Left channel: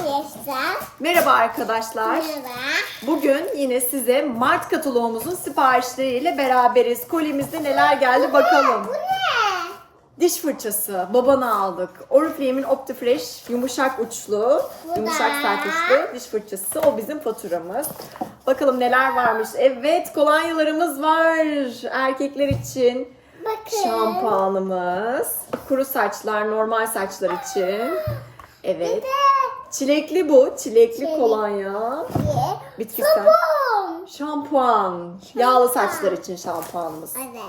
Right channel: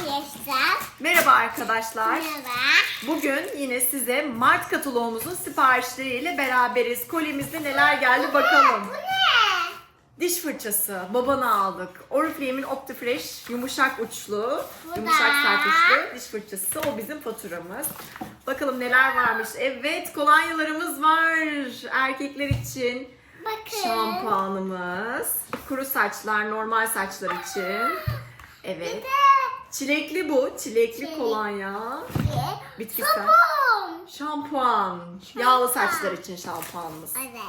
arkadaşlar. Merhaba arkadaşlar. Merhaba. Bugün yine size Mart kataloğumuzun siparişleriyle beraberiz. Kolimizde neler geldi bakalım. Bu ne? Diş fırçası babana aldık. Oriflame'in Optifresh yumuşak uçlu, Bu yumuşak da. sert uçlu diş fırçası. O bizim faturamız. Bakalım neler varmış. Evet kolonyalarımız var erkekler için. Bakın. Şampuanımız. Kuru saçlar, normal saçlar için. Evet. Bir de Çilekli bu. Çilekli Çilek. kolonya. bir Bitkisel. sabun. Şampuan. Yağlı saçlar için şampuanımız. Evet.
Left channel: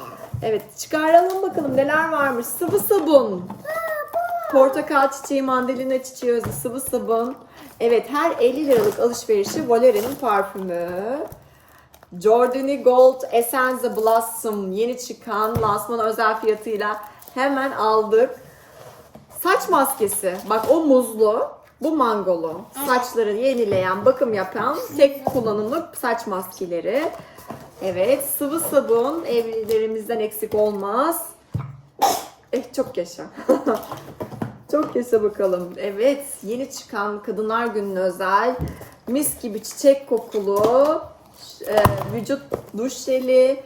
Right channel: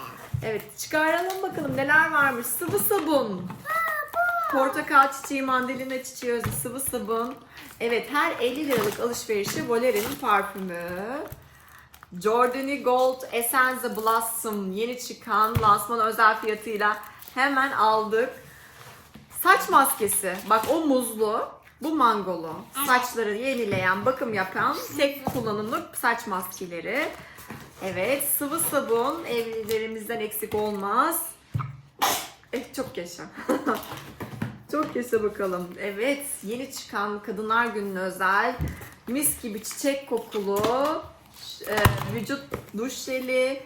Evet çıkaralım bakalım neler varmış. Sıvı sabun. Portakal çiçeği, mandalina çiçeği özlü sıvı sabun. Evet her 50 liralık alışverişi Volere'nin parfümü. Jordani Gold Essence Blossom yeni çıkan lansman özel fiyatıyla hemen aldık. Saç maskesi. Bak o muzlu, bu mangolu. Saçları yenileyen, bakım yapan tek kullanımlık saç maskeleri. Evet, sıvı sabun evlilerimizden eksik olmaz. Eh çok yaşa. çok yaşa bakalım. Evet, yeni çıkan Kadınlar Günü'ne özel mis gibi çiçek kokulu e, vücut duş jeli,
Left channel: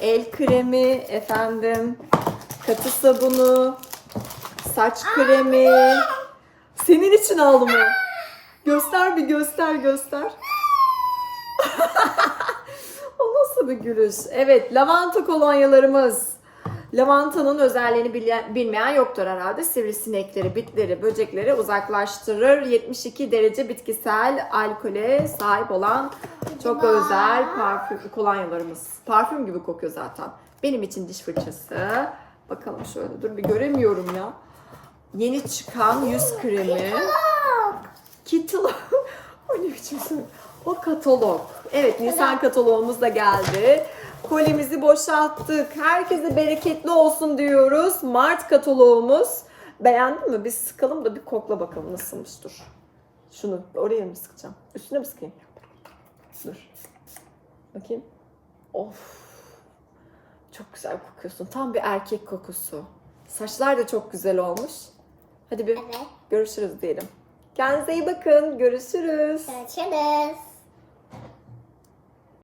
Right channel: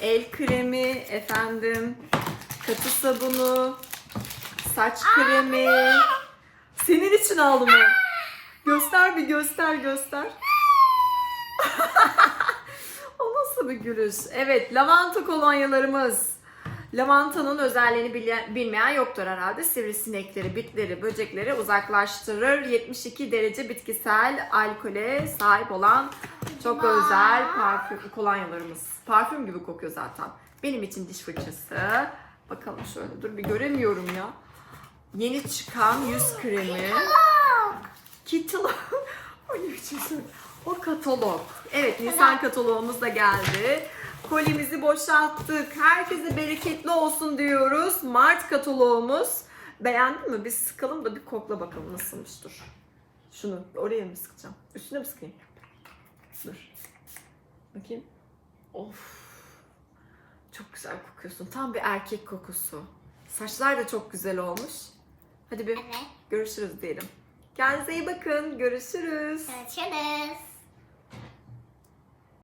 el kremi, efendim katı sabunu, saç kremi. Senin için aldım o. Göster bir göster göster. o nasıl bir gülüş? Evet lavanta kolonyalarımız. Lavantanın özelliğini bilen- bilmeyen yoktur herhalde. Sivrisinekleri, bitleri, böcekleri uzaklaştırır. 72 derece bitkisel alkole sahip olan çok özel parfüm kolonyalarımız. Parfüm gibi kokuyor zaten. Benim için diş fırçası. Bakalım şöyle dur bir göremiyorum ya. Yeni çıkan yüz kremi. Katalog. o ne biçim söyle- O katalog. Evet Nisan kataloğumuz da geldi. Kolimizi boşalttık. Herkese bereketli olsun diyoruz. Mart kataloğumuz. Beğendin mi? Biz sıkalım da bir kokla bakalım nasılmış dur. Şunu oraya mı sıkacağım? Üstüne mi sıkayım? Dur. Bakayım. Of. Çok güzel kokuyorsun. Tam bir erkek kokusu. Saçlar da çok güzel olmuş. Hadi bir Evet. görüşürüz diyelim. Kendinize iyi bakın. Görüşürüz. Görüşürüz.